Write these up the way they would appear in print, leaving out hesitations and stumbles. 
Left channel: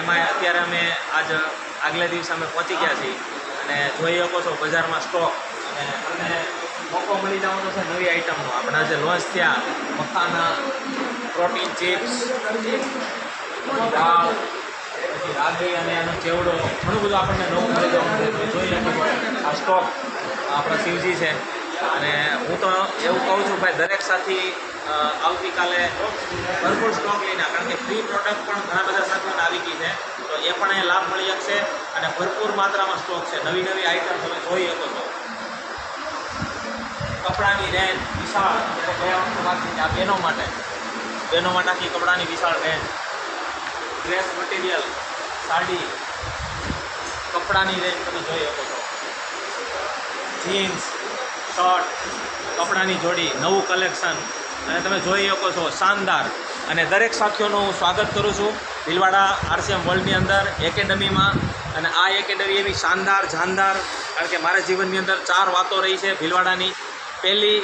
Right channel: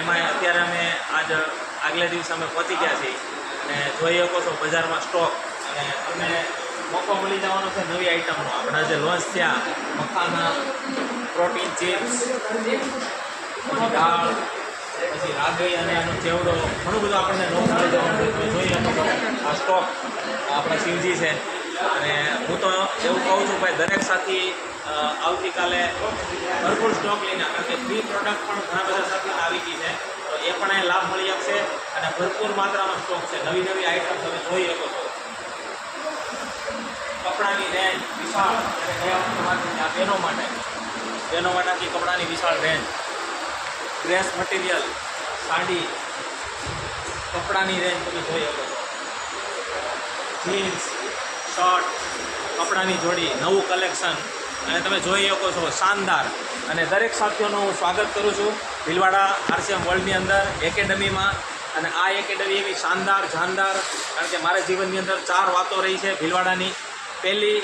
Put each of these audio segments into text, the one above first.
એમાં અત્યારે અમે આજ આગલા દિવસે અમે પહોંચી ગયા છીએ અને જોઈ શકો છો બજારમાં સ્ટોક અને તમને મોકો મળી જવાનો છે નવી આઈટમનો. આપણા જે લોન્ચ થયા મખાના, પ્રોટીન ચિપ્સ, દાળ, પછી રાગી અને એનો ચેવડો, ઘણું બધું આપણને નવું મળી જવાનું છે. તમે જોઈ શકો છો આ સ્ટોક આપણા શિવજી છે. અને હું તો એવું કહું છું ભાઈ, દરેક સાથી આવતીકાલે ભરપૂર સ્ટોક લઈને, કારણ કે ફ્રી પ્રોડક્ટ પણ ઘણા બધા સાથીઓને આવી ગઈ છે, તો એ પણ એ લાભ મળી શકશે. અને ભરપૂર માત્રામાં સ્ટોક છે, નવી નવી આઈટમ તમે જોઈ શકો છો. કપડાની રેન્જ વિશાળ, જ્યારે ગયા વખતે વાત કરી આ બહેનો માટે આખી કપડાની વિશાળ રેન્જ, ડ્રેસ મટીરિયલ, સાડી, કપડાની રેન્જ તમે જોઈ શકો છો. જીન્સ, શર્ટ, કપડાની જોડી, નવું કલેક્શન, અને તમે જોઈ શકો છો શાનદાર. અને દરેક સાથીઓનું હું સ્વાગત કરું છું ભીલવાડા RCM વર્લ્ડની અંદર એકેડમીમાં. અને આ એકેડમી એવી શાનદાર જાનદાર, કારણ કે મારા જીવનની અંદર 4 વાતો રહી છે ભીલવાડાની. પહેલી,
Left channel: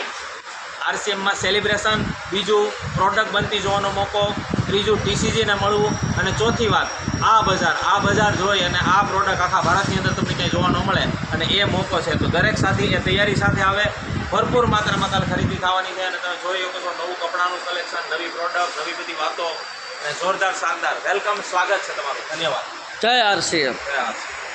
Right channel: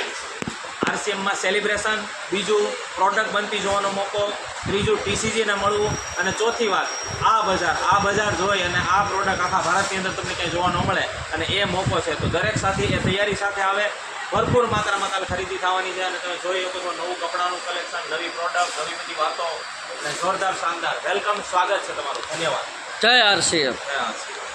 RCMમાં સેલિબ્રેશન; બીજું, પ્રોડક્ટ બનતી જોવાનો મોકો; ત્રીજું, TCGને મળવું; અને ચોથી વાત, આ બજાર જોઈ અને આ પ્રોડક્ટ આખા ભારતની અંદર તમને ક્યાંય જોવા ન મળે, અને એ મોકો છે. તો દરેક સાથી એ તૈયારી સાથે આવે. ભરપૂર માત્રામાં કાલે ખરીદી થવાની છે. અને તમે જોઈ શકો છો નવું કપડાનું કલેક્શન, નવી પ્રોડક્ટ, નવી બધી વાતો, અને જોરદાર શાનદાર વેલકમ, સ્વાગત છે તમારું. ધન્યવાદ. જય RCM. જય RCM.